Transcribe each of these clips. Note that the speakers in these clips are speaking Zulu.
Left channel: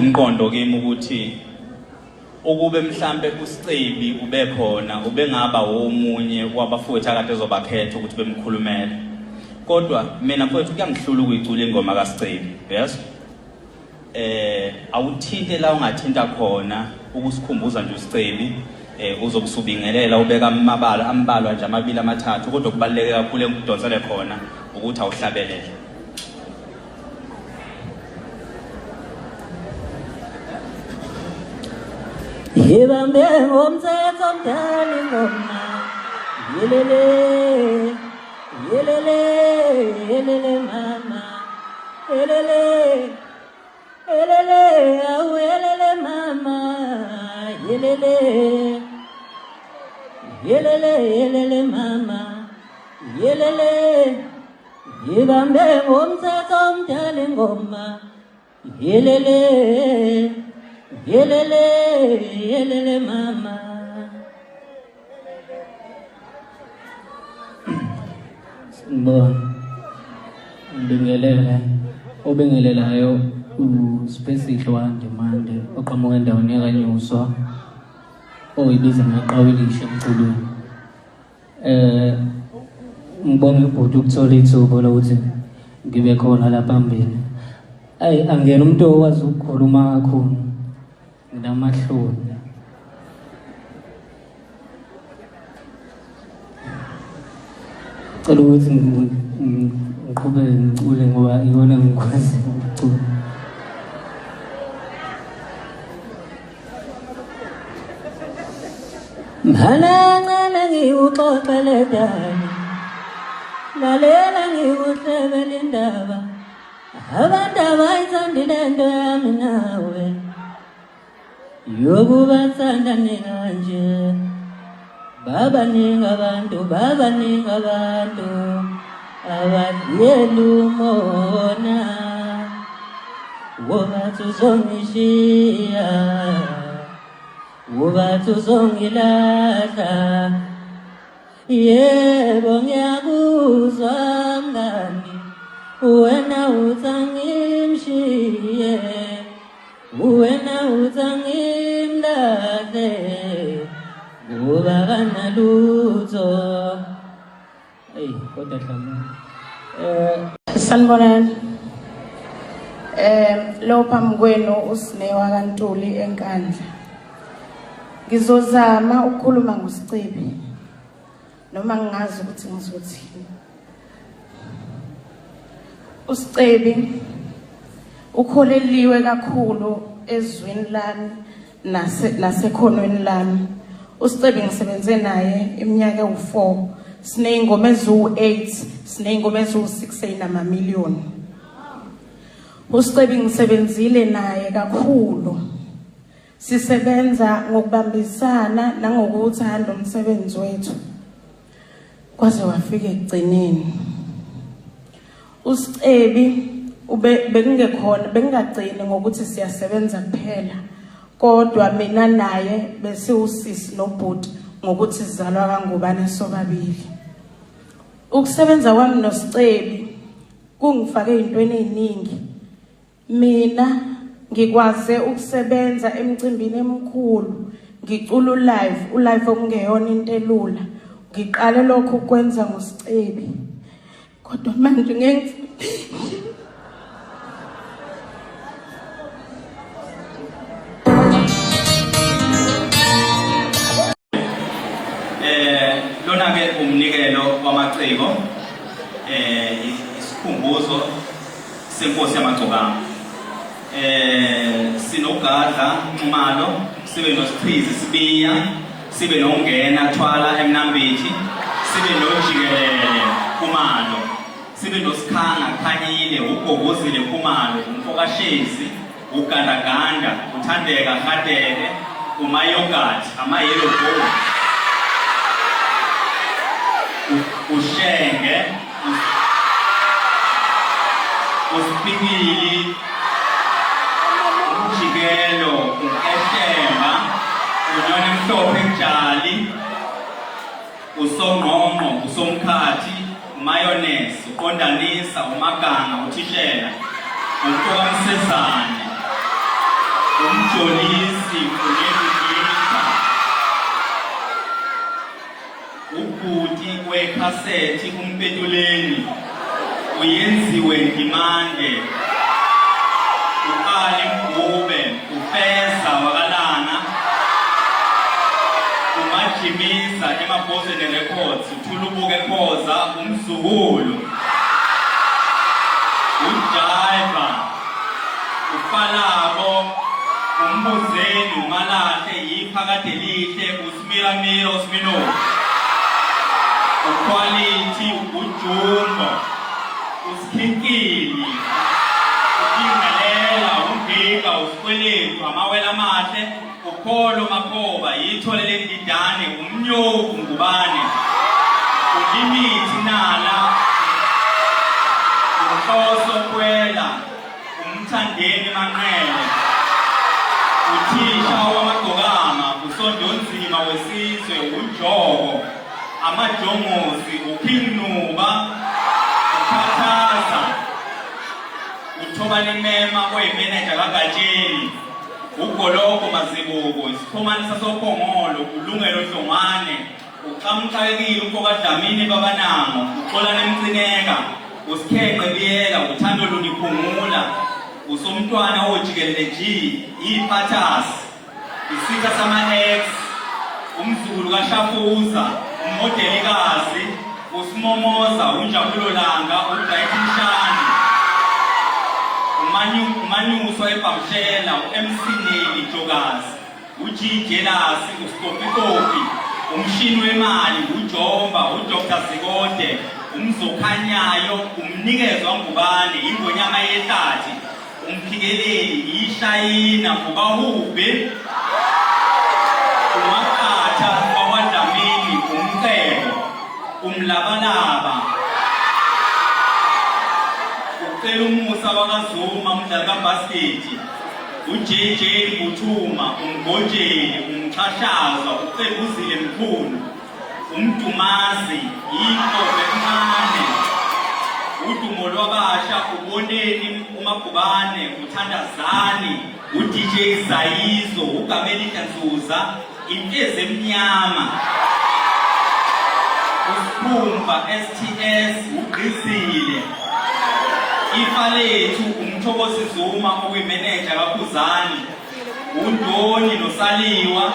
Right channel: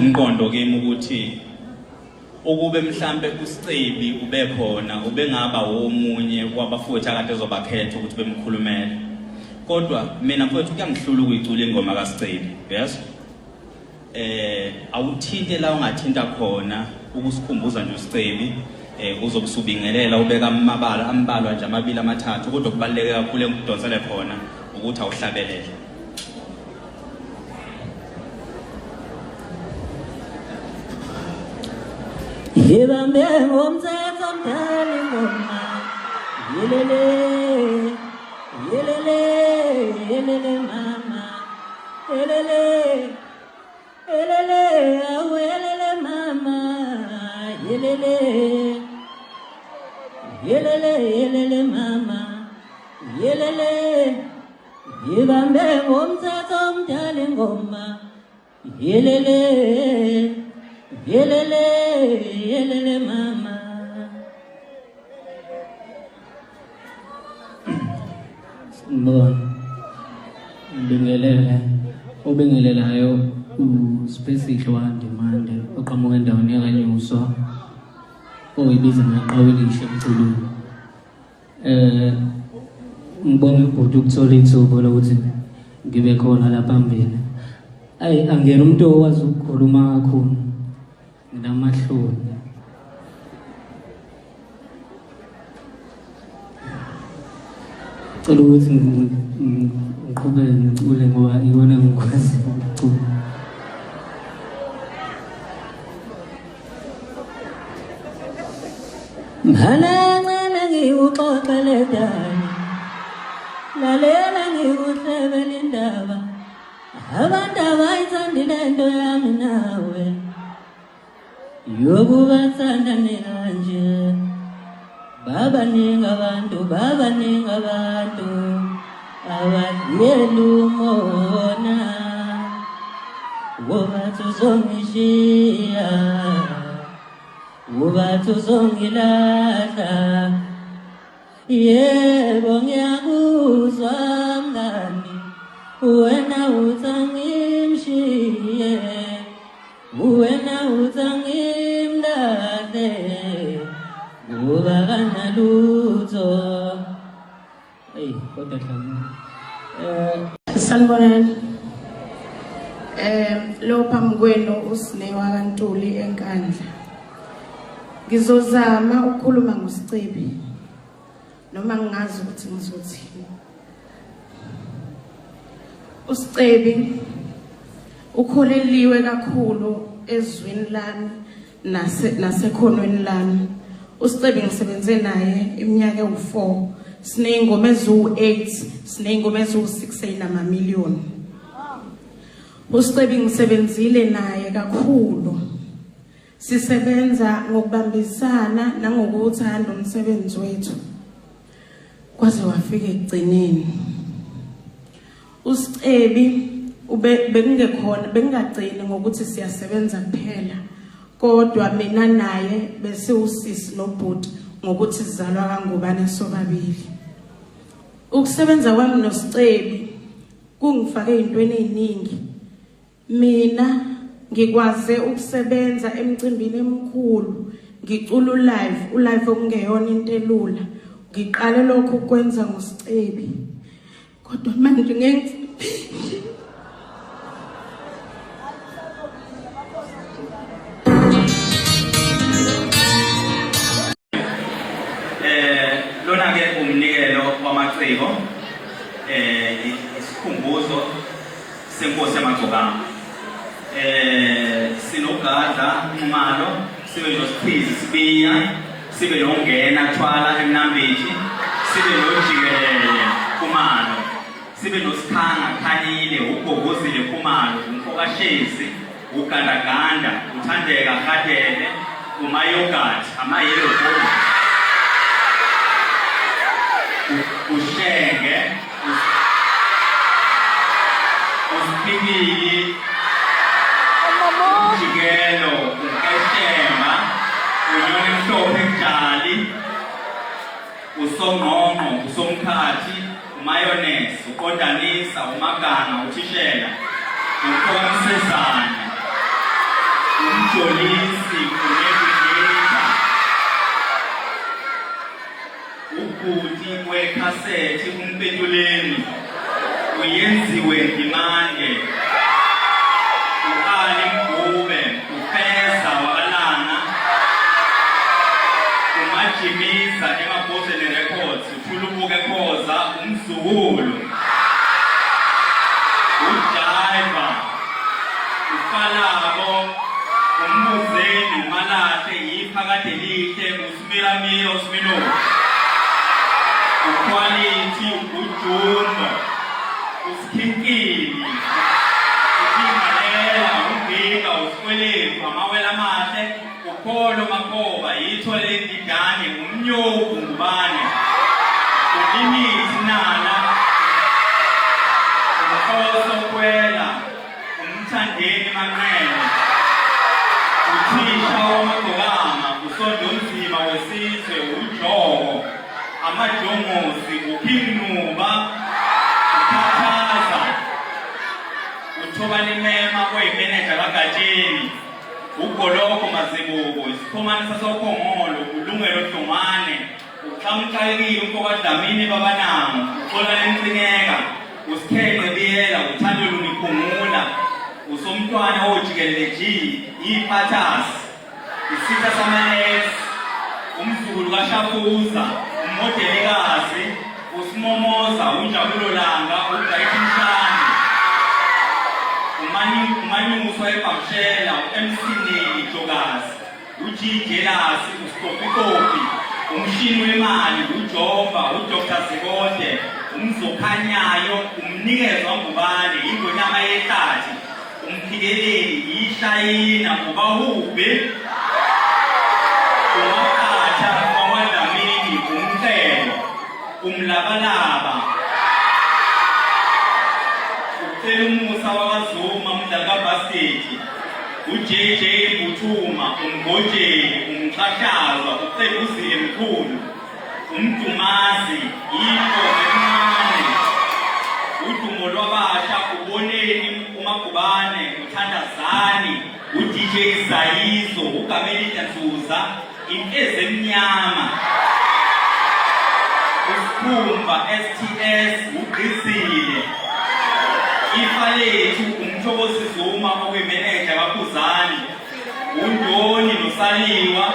umqondo kimi ukuthi ukube mhlambe uSicebi ube khona ubengaba omunye wabafowethu akade ezobakhetha ukuthi bemkhulumele kodwa mina mfowethu kuyangihlula ukuyicula ingoma kaSicebi yes awuthinte la ungathinta khona ukusikhumbuza nje uSicebi uzobusubingelela ubeka ambalwa nje amabili amathathu kodwa kubaluleke kakhulu engidonsele khona ukuthi awuhlabelele Ibambe ngomthetho omdala ingoma yelele yelele yelele mama yelele yelele awu yelele mama yelele yelele yelele mama yelele ibambe ngomthetho omdala ingoma yelele yelele yelele mama Ubingelelayo uSpesihle waNdimande oqhamuka endaweni yaKanyuswa oyibiza ngaqawelisha emculweni ngibonga ibhuti ukuthola ithuba lokuthi ngibe khona la phambili angena umuntu owazi ukukhuluma kakhulu nginamahloni cela ukuthi ngiqhubeke ngicule ngoba ikona ngikwazi ukucula Mhana ngikuxoxele dani lalela ngikuhlebele indaba abantu abayithandile into yami nawe yokubathanda ninganje babaningi abantu abadlela umona wobathi uzongishiya wobathi uzongilahla yebo ngiyakuzwa mngani wena uthangimshiye wena uthangimlahle ngoba kanalutho kodwa sanibonani lo phambi kwenu uSinewa kaNtuli eNkandla ngizozama ukukhuluma ngoSicebi noma ngingazi ukuthi ngizothini uSicebi ukholeliwe kakhulu ezweni lami nasekhonweni lami uSicebi ngisebenze naye iminyaka ewu4 sineyingoma ezu8 sineyingoma ezu6 eyinamamiliyoni uSicebi ngisebenzile naye kakhulu sisebenza ngokubambisana nangokuthanda umsebenzi wethu kwaze wafika ekugcineni uSicebi bekungekhona bengagcini ngokuthi siyasebenza kuphela kodwa mina naye bese usisi nobhuti ngokuthi sizalwa kangubane sobabili ukusebenza kwami noSicebi kungifake ezintweni eziningi mina ngikwaze ukusebenza emcimbini emkhulu ngicula ulive okungeyona into elula ngiqale lokho ukwenza ngoSicebi kodwa manje ngeke lona ke umnikelo wamaciko isikhumbuzo senkosi yamagcokama sinogadla Nxumalo sibe noSiqhizi Sibiya sibe nongena Thwala eMnambithi sibe noJikelele Khumalo sibe noSikhanga Khanyile uGogozile Khumalo uMfokashezi uGandaganda uThandeka Radebe uMayogathi amayellow bone uShenge uSipikili Jikelo uKeshemba uNyoni Mhlophe Njali uSongqongqo uSomkhathi uMayonnaise uKondanisa uMaganga uThishela uMkokamsezane umjolisi unekugita ubhuti kwekhasethi umpetuleni uyenziwe ndimande uqali Mgube ufeza wakalanga umajimisa emabhoseni records uthulubuke khoza umzukulu uJaiva uFalabo umbuzeni uMalahle yiphakade lihle uSmiramira uSmino uQuality uJumbo uSkhinkili uKingalela uMbika uSikweletu amawela amahle uPholo Makhoba yithole lendidane umnyoku Ngubane uLimithi Nala uNhloso Kwela umthandeni Manqele uthisha wamagcokama usondonzima wesizwe uJobo amajongosi uKhinuba uKhathaza uThobani Mema kweyimeneja kaGatsheni uGoloko Mazibuko isikhomani sasokhongolo uLungelo Hlongwane uXamxakekile umfoka Dlamini Babanamo uXolani Mcineka uSikhenqe Biyela uThando Luniphumula usomntwana ojikelele G iPhathas isitha sama-X umzukulu kaShafuza uModelikazi uSimomoza uNjabulo Langa uDayithi Mshandi umanyuso eBhamshela uMC Neli Jokazi uJijelasi uStopikopi umshini wemali uJomba uDr Zikode umzokhanyayo umnikezwa Ngubane ingonyama yehlathi umphikeleli ishayina ubahube uMaqatha wakwaDlamini umcebo umlabalaba ucela umusa wakaZuma umdlali kaBasket uJJ Buthuma umgojeli umxhashazwa ucela uzile Mkhulu umdumazi yinto encane udumo lwabasha uboneni uMagubane uthandazani uDJ Zayizo uGamelita Nzuza impeze emnyama uSkhumba STS uGqizile ifalethu umthokozi Zuma okuyimeneja kaKhuzani uNdoni noSaliwa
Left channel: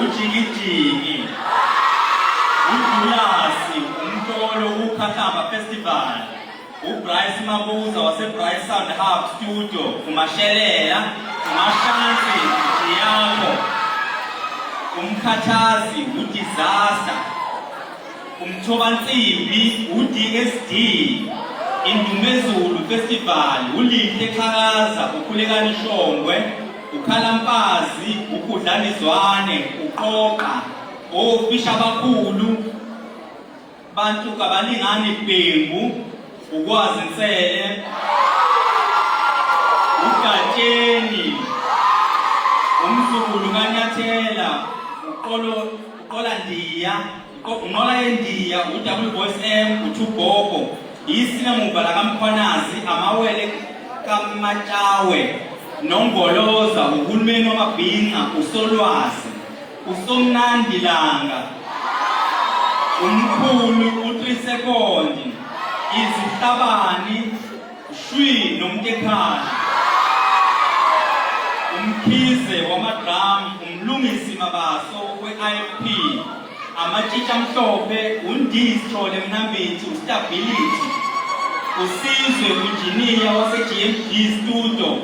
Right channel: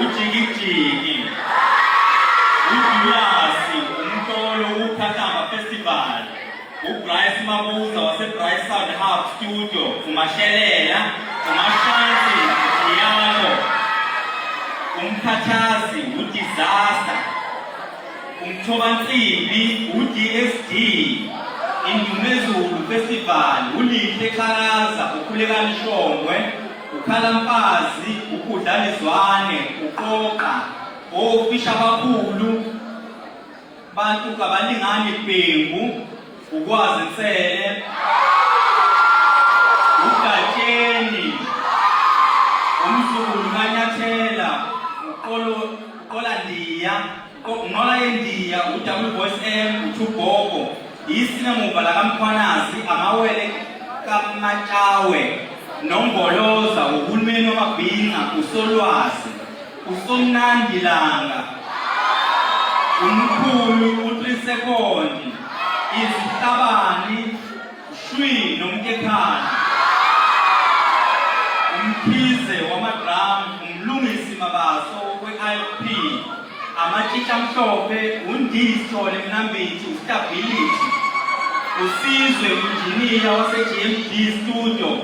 uJikijiki uJulasi umtolo uKhahlamba Festival uBryce Mabuza waseBryce Sound Hub Studio uMashelela uMashansi Jiyako umkhathazi uDisaster umthobansimbi uDSD Indumezulu Festival uLihle Qhakaza uKhulekani Shongwe uKhalampazi uKudlanizwane uQoqa ofisha abakhulu bantu kabalingani Bhengu ukwazi Nsele uGatsheni umzukulu kaNyathela uqola Ndiya unqola yeNdiya uWBoys M uThugogo isinamuva la kaMkhwanazi amawele kaMatshawe noNgoloza uhulumeni wamabhinqa uSolwazi uSomnandi Langa umkhulu u3 sekondi izihlabani Shwi noMtekhana umkhize wamadrum umlungisi Mabaso we-IFP amatshitsha amhlophe uNdisithole Mnambithi uStability uSizwe Engineer wase-GMD Studio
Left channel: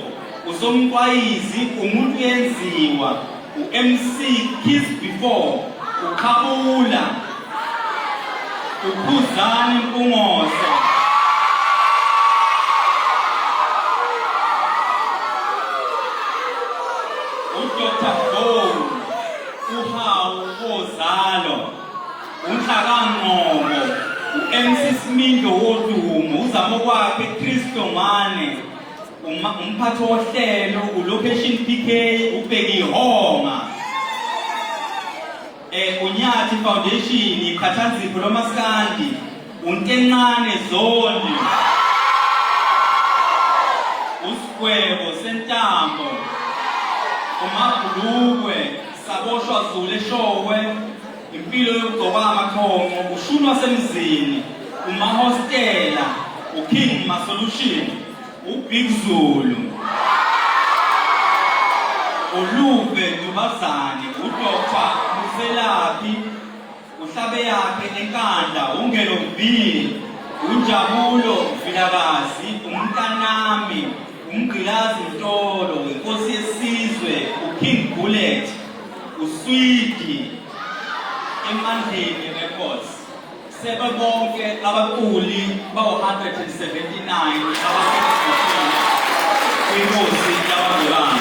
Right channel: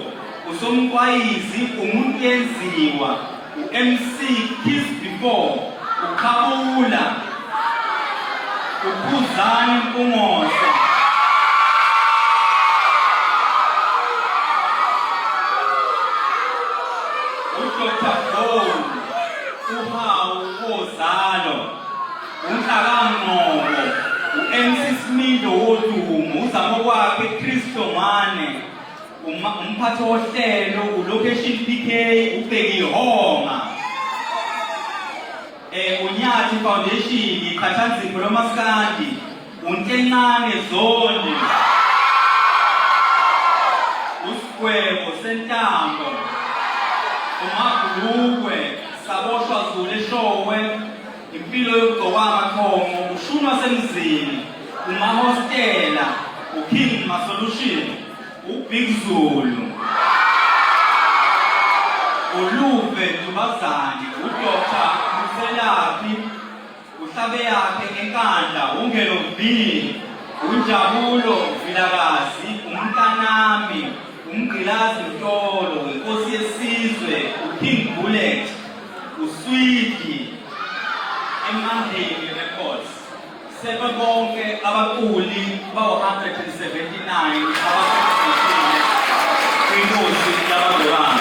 uSomqwayizi umuntu yenziwa uMC Kiss Before uKhabula uKhuzani Mpungose uDr Gold uHawu Wozalo uNhlakangqobo uMC Smindo wodumo uzamo kwakhe Christo Mane umphathi wohlelo uLocation PK ubheki Honga uNyathi Foundation iqhathanzipho lomaskandi untencane Zondi Sigwebo Sentambo, uMagulukwe, Saboshwa Zulu eShowe, impilo yokugcoka amakhongo, uShunwa Semzini, uMahostela, uKing Masolution, uBig Zulu, uLuve Dubazane, uDr. Muselaphi, uhlabe yakhe enkandla, uNgelo V, uNjabulo Vilakazi, uMntanami, uMgqilazi Ntolo, inkosi yesizwe, uKing Bullet, uSwidi, eMandleni Records. Sebe bonke abaculi bawu-179 abasekhethekile kwinkosi yabangcwelana.